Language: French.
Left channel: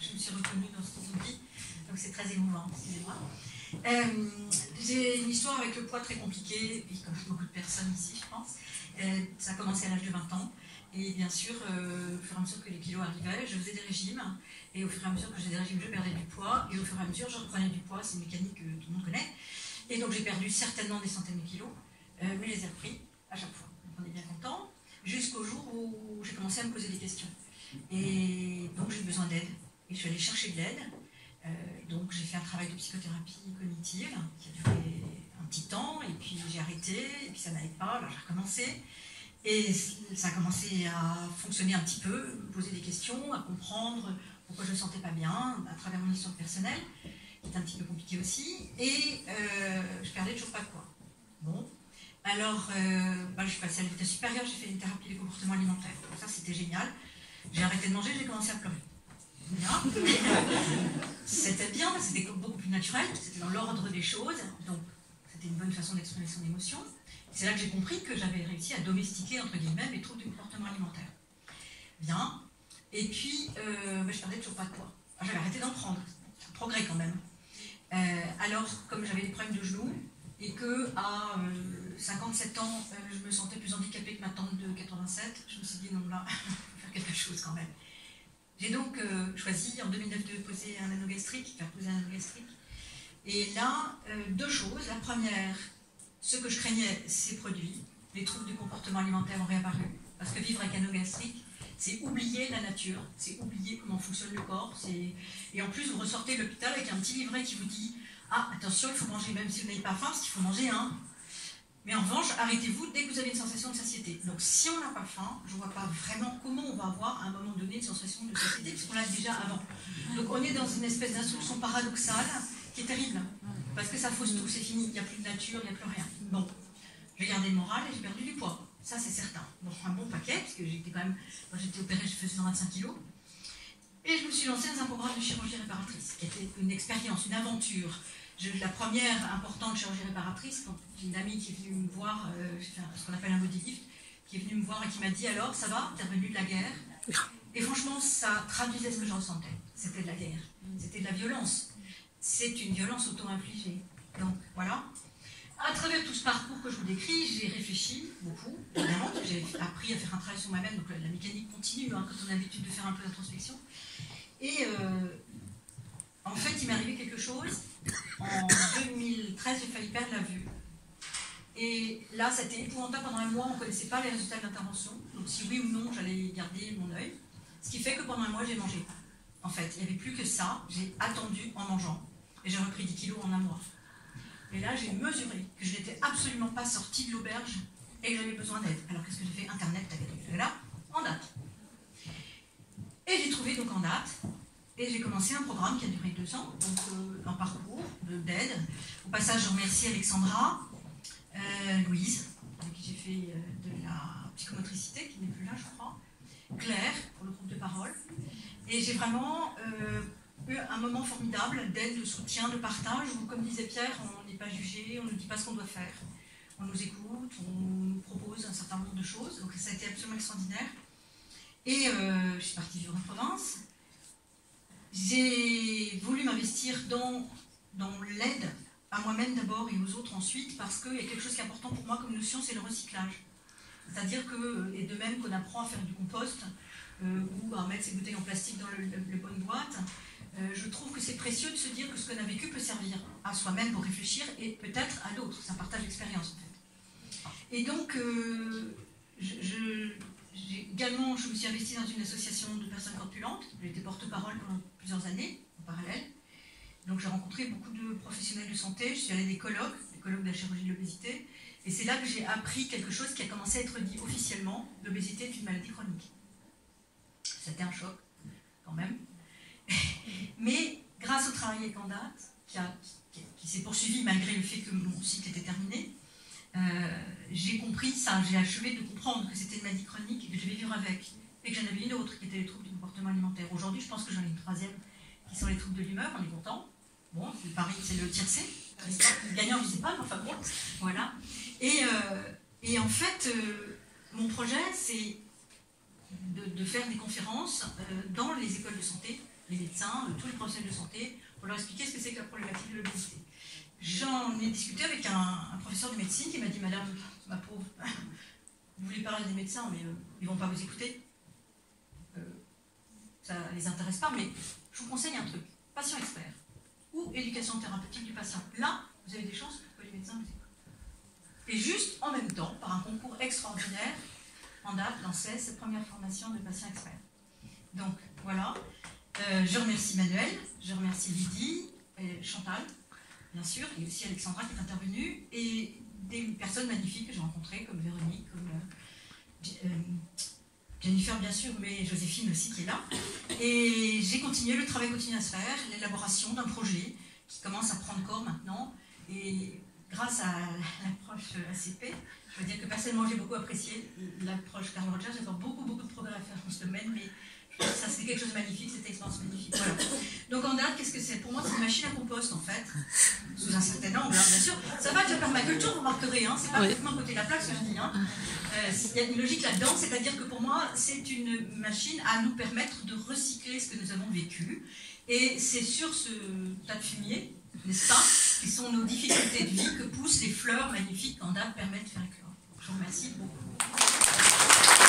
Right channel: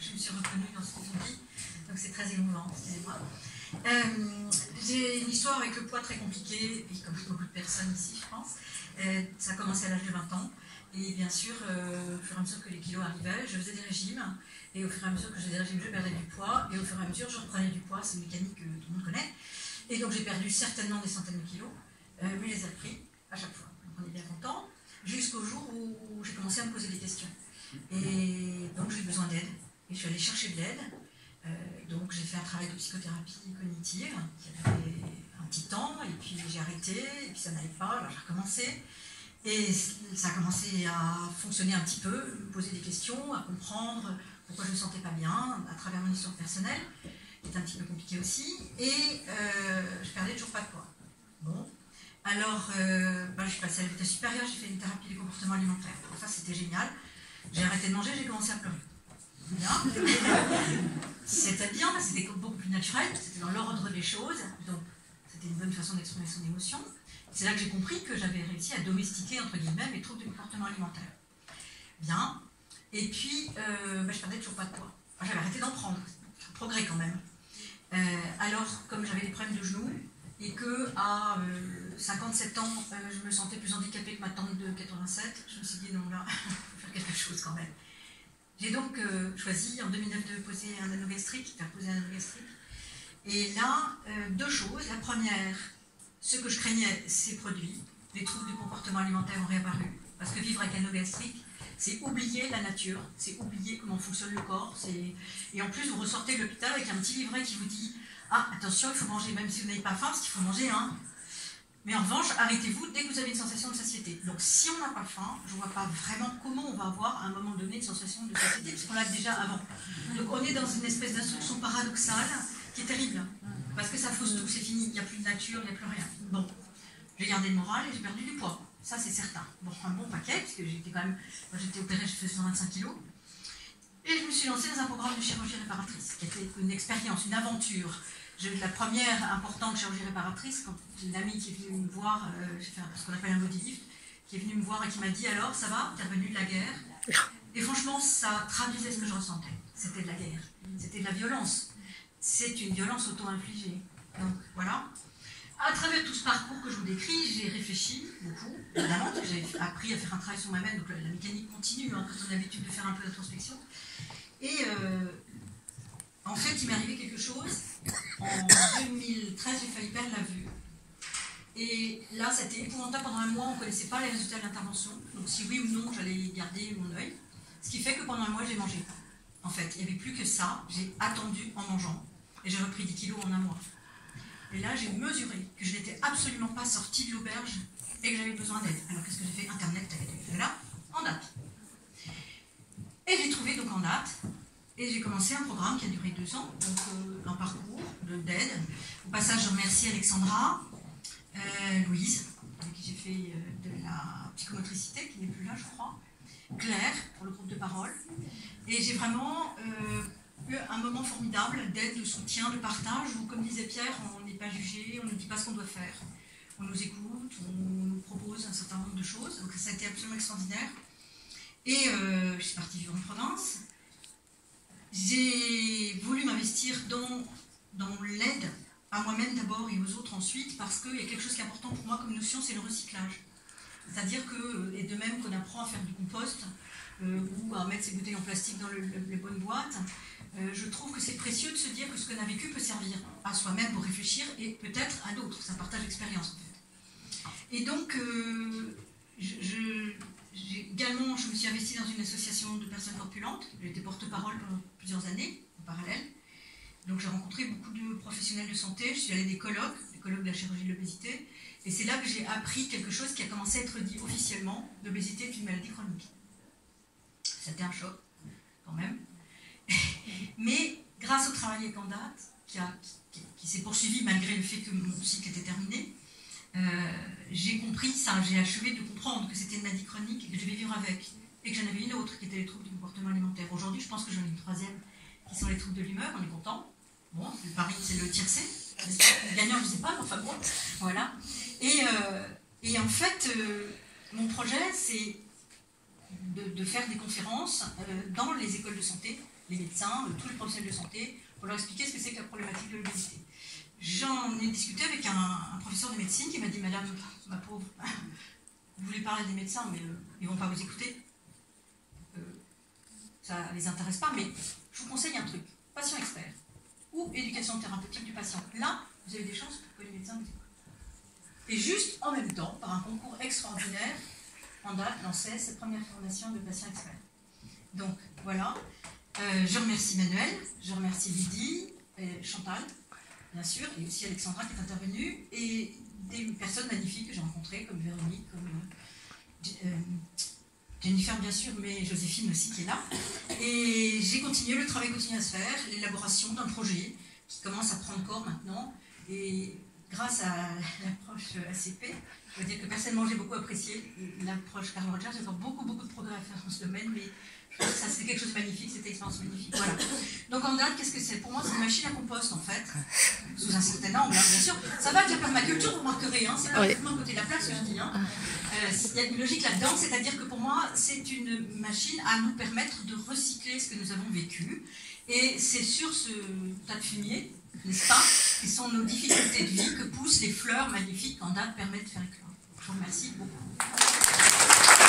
je me suis reconnue dans ce qu'ils ont dit, donc c'est très émouvant, excusez-moi. J'ai une histoire avec le poids très compliquée, et comme beaucoup de personnes ici, je pense. Ça a commencé à l'âge de 20 ans, et bien sûr, au fur et à mesure que les kilos arrivaient, je faisais des régimes, et au fur et à mesure que je faisais des régimes, je perdais du poids, et au fur et à mesure, je reprenais du poids, c'est une mécanique que tout le monde connaît, et donc j'ai perdu certainement des centaines de kilos, mais je les ai repris à chaque fois. Donc on est bien content, jusqu'au jour où j'ai commencé à me poser des questions. Et donc j'ai eu besoin d'aide, et je suis allée chercher de l'aide. Donc j'ai fait un travail de psychothérapie cognitive qui a duré un petit temps, et puis j'ai arrêté, et puis ça n'allait pas, alors j'ai recommencé. Et ça a commencé à fonctionner un petit peu, me poser des questions, à comprendre pourquoi je ne me sentais pas bien, à travers mon histoire personnelle, qui est un petit peu compliquée aussi, et je perdais toujours pas de poids. Bon, alors je suis passée à l'état supérieur, j'ai fait une thérapie des comportements alimentaires. Donc ça c'était génial. J'ai arrêté de manger, j'ai commencé à pleurer. C'était bien, c'était beaucoup plus naturel, c'était dans l'ordre des choses, donc c'était une bonne façon d'exprimer son émotion. C'est là que j'ai compris que j'avais réussi à domestiquer, entre guillemets, mes troubles du comportement alimentaire. Bien, et puis je perdais toujours pas de poids. J'avais arrêté d'en prendre, c'est un progrès quand même. Alors, comme j'avais des problèmes de genoux, et qu'à 57 ans, je me sentais plus handicapée que ma tante de 87, je me suis dit non, là, il faut faire quelque chose quand même. J'ai donc choisi en 2009 de poser un anneau gastrique, faire poser un anneau gastrique. Et là, deux choses. La première, ce que je craignais, ces produits, les troubles du comportement alimentaire ont réapparu. Parce que vivre avec un anneau gastrique, c'est oublier la nature, c'est oublier comment fonctionne le corps. Et en plus, vous ressortez de l'hôpital avec un petit livret qui vous dit « Ah, attention, il faut manger même si vous n'avez pas faim, parce qu'il faut manger un. » Mais en revanche, arrêtez-vous dès que vous avez une sensation de satiété. Donc si on n'a pas faim, je ne vois pas vraiment comment on va avoir à un moment donné une sensation de satiété, parce qu'on l'a déjà avant. Donc on est dans une espèce d'instruction paradoxale qui est terrible, parce que ça fausse tout, c'est fini, il n'y a plus de nature, il n'y a plus rien. Bon, j'ai gardé le moral et j'ai perdu du poids, ça c'est certain. Bon, un bon paquet, parce que j'étais quand même, quand j'étais opérée, je faisais 125 kilos. Et je me suis lancée dans un programme de chirurgie réparatrice, qui était une expérience, une aventure. La première importante chirurgie réparatrice, quand une amie qui est venue me voir, j'ai fait ce qu'on appelle un body lift, qui est venue me voir et qui m'a dit « Alors, ça va, t'es revenu de la guerre ?» Et franchement, ça traduisait ce que je ressentais. C'était de la guerre, c'était de la violence. C'est une violence auto-infligée. Donc, voilà. À travers tout ce parcours que je vous décris, j'ai réfléchi beaucoup. Évidemment, j'ai appris à faire un travail sur moi-même, donc la mécanique continue, hein, quand on a l'habitude de faire un peu d'introspection. Et en fait, il m'est arrivé quelque chose. En 2013, j'ai failli perdre la vue. Et là, c'était épouvantable. Pendant un mois, on ne connaissait pas les résultats de l'intervention. Donc, si oui ou non, j'allais garder mon œil. Ce qui fait que pendant un mois, j'ai mangé. En fait, il n'y avait plus que ça. J'ai attendu en mangeant. Et j'ai repris 10 kilos en un mois. Et là, j'ai mesuré que je n'étais absolument pas sortie de l'auberge et que j'avais besoin d'aide. Alors, qu'est-ce que j'ai fait? Internet, là, en date. Et j'ai trouvé donc en date. Et j'ai commencé un programme qui a duré 2 ans, donc un parcours d'aide. Au passage, je remercie Alexandra, Louise, avec qui j'ai fait de la psychomotricité, qui n'est plus là, je crois, Claire, pour le groupe de parole. Et j'ai vraiment eu un moment formidable d'aide, de soutien, de partage, où, comme disait Pierre, on n'est pas jugé, on ne dit pas ce qu'on doit faire. On nous écoute, on nous propose un certain nombre de choses, donc ça a été absolument extraordinaire. Et je suis partie vivre en province. J'ai voulu m'investir dans l'aide à moi-même d'abord et aux autres ensuite, parce qu'il y a quelque chose qui est important pour moi comme notion, c'est le recyclage. C'est-à-dire que, et de même qu'on apprend à faire du compost, ou à mettre ses bouteilles en plastique dans les bonnes boîtes, je trouve que c'est précieux de se dire que ce qu'on a vécu peut servir à soi-même pour réfléchir et peut-être à d'autres. C'est un partage d'expérience en fait. Et donc, également, je me suis investie dans une association de personnes corpulentes. J'ai été porte-parole pendant plusieurs années, en parallèle. Donc j'ai rencontré beaucoup de professionnels de santé. Je suis allée à des colloques de la chirurgie de l'obésité. Et c'est là que j'ai appris quelque chose qui a commencé à être dit officiellement. L'obésité est une maladie chronique. C'était un choc, quand même. Mais grâce au travail avec Andate, qui s'est poursuivi malgré le fait que mon cycle était terminé, j'ai compris ça, j'ai achevé de comprendre que c'était une maladie chronique et que je devais vivre avec, et que j'en avais une autre qui était les troubles du comportement alimentaire. Aujourd'hui, je pense que j'en ai une troisième, qui sont les troubles de l'humeur, on est content. Bon, le pari, c'est le tiercé. Le gagnant, je ne sais pas, mais enfin bon, voilà. Et en fait, mon projet, c'est de faire des conférences dans les écoles de santé, les médecins, tous les professionnels de santé, pour leur expliquer ce que c'est que la problématique de l'obésité. J'en ai discuté avec un professeur de médecine qui m'a dit, madame, ma pauvre, vous voulez parler des médecins, mais ils ne vont pas vous écouter. Ça ne les intéresse pas, mais je vous conseille un truc, patient expert ou éducation thérapeutique du patient. Là, vous avez des chances pour que les médecins vous écoutent. Et juste en même temps, par un concours extraordinaire, Andal lançait sa première formation de patient expert. Donc voilà, je remercie Manuel, je remercie Lydie, Chantal, bien sûr, et aussi Alexandra qui est intervenue, et des personnes magnifiques que j'ai rencontrées, comme Véronique, comme Jennifer bien sûr, mais Joséphine aussi qui est là. Et j'ai continué, le travail continue à se faire, l'élaboration d'un projet qui commence à prendre corps maintenant, et grâce à l'approche ACP, je veux dire que personnellement j'ai beaucoup apprécié l'approche Carl Rogers, j'ai encore beaucoup de progrès à faire dans ce domaine, mais je pense que ça c'est quelque chose de magnifique, cette expérience magnifique. Voilà. Donc Andal, qu'est-ce que c'est? Pour moi c'est une machine à compost en fait, sous un certain angle, hein, bien sûr. Ça va avec la permaculture, vous remarquerez, hein, c'est pas uniquement côté de la plaque ce que je dis. Hein. Il y a une logique là-dedans, c'est-à-dire que pour moi c'est une machine à nous permettre de recycler ce que nous avons vécu. Et c'est sur ce tas de fumier, n'est-ce pas, qui sont nos difficultés de vie que poussent les fleurs magnifiques qu'Andal permet de faire éclore. Je vous remercie beaucoup.